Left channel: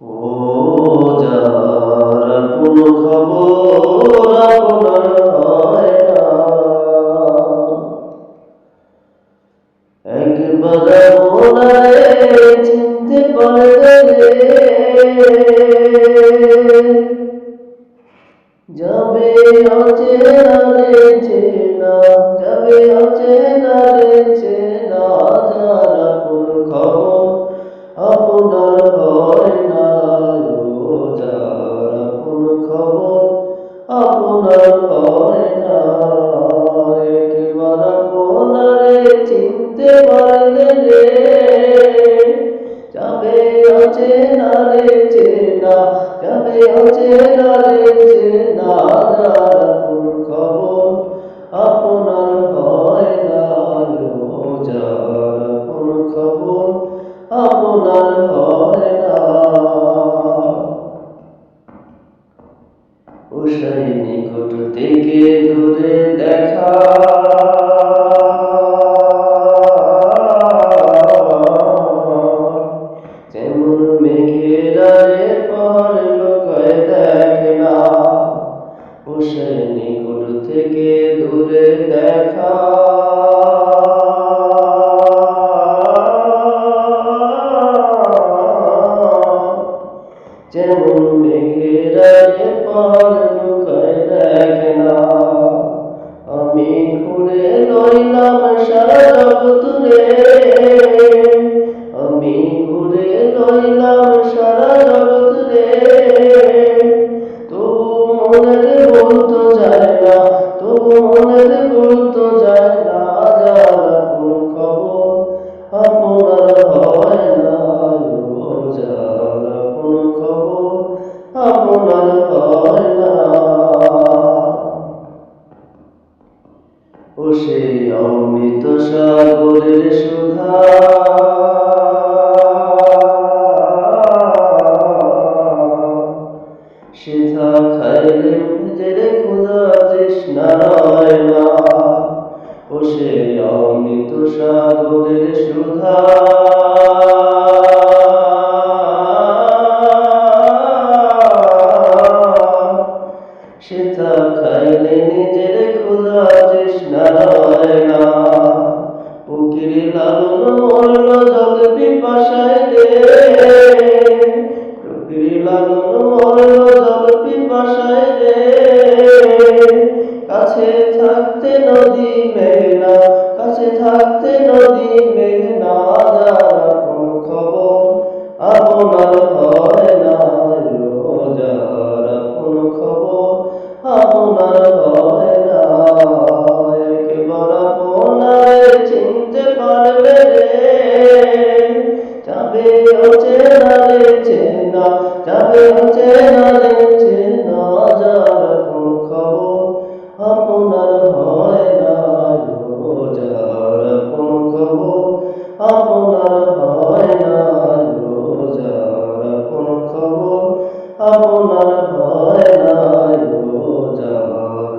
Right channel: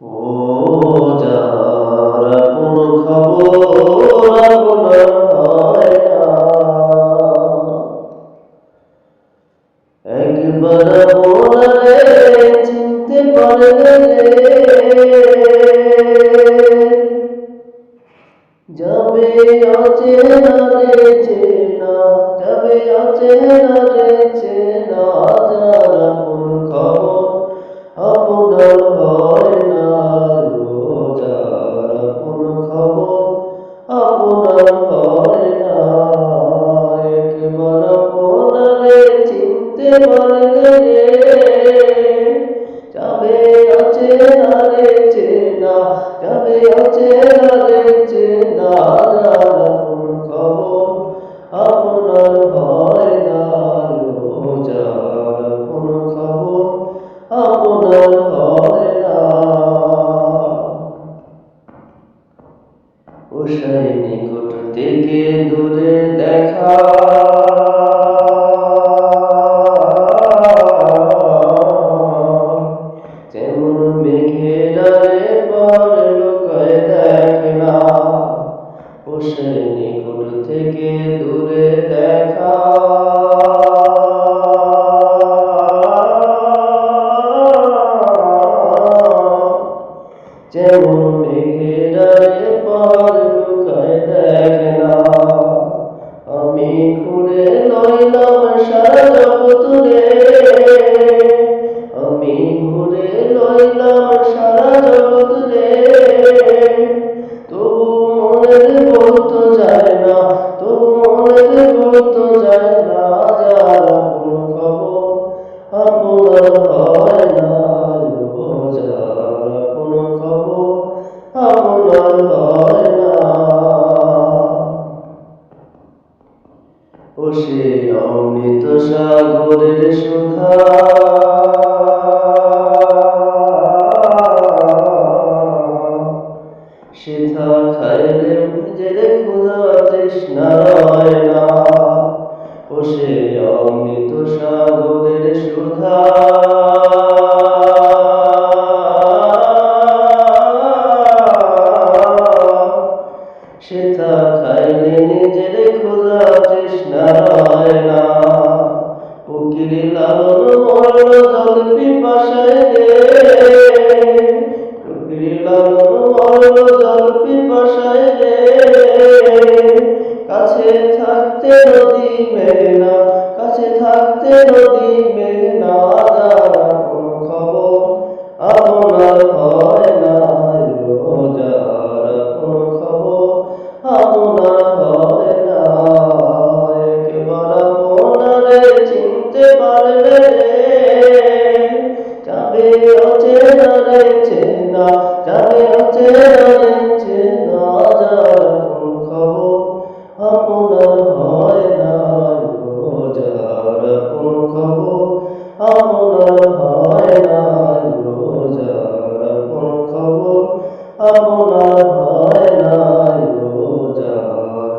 ও যার আপন খবর আপনার হয় না, একবার আপনারে চিনতে পারলে যাবে অচেনা রে চেনা, যাবে অচেনা রে চেনা, যার আপন খবর আপনার হয় না। ও যার আপন খবর আপনার হয় না, একবার আপনারে চিনতে পারলে রে যাবে অচেনা রে চেনা, যাবে অচেনা রে চেনা, যার আপন খবর আপনার হয় না। ও যার আপন খবর আপনার হয় না। উষায় নিকট থেকে দূরে দেখা, যেমন মেঘের আড়ে পার লোকায় দেখে না। উষায় নিকট থেকে দূরে দেখা, যেমন মেঘের আড়ে পার লোকায় দেখে না। আমি ঘুরে লইলাম সারা জগৎ রে, আমি ঘুরে লইলাম সারা জগৎ রে, তবু মনের বলতো যায় না, তবু মনের বলতো যায় না, যার আপন খবর আপনার হয় না। ও যার আপন খবর আপনার হয় না। ও সে অমৃত সাগরের সুধা, সেথা খাইলে নিজের ক্ষুধা তৃষ্ণা রয় না। ও সে অমৃত সাগরের সুধা, সেথা খাইলে নিজের ক্ষুধা তৃষ্ণা রয় না। ফকির লালন মরল জল পিপাসায় রে, ফকির লালন মরল জল পিপাসায় রে, কাছে থাকতে নদী মেঘনা, কাছে থাকতে নদী মেঘনা, যার আপন খবর আপনার হয় না। ও যার আপন খবর আপনার হয় না, একবার আপনারে চিনতে পারলে রে যাবে অচেনা রে চেনা, যাবে অচেনা রে চেনা, যার আপন খবর আপনার হয় না। ও যার আপন খবর আপনার হয় না। ও যার আপন খবর আপনার হয় না। ও যার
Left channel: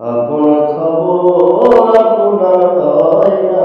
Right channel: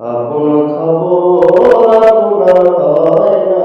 আপন খবর আপনার হয় না।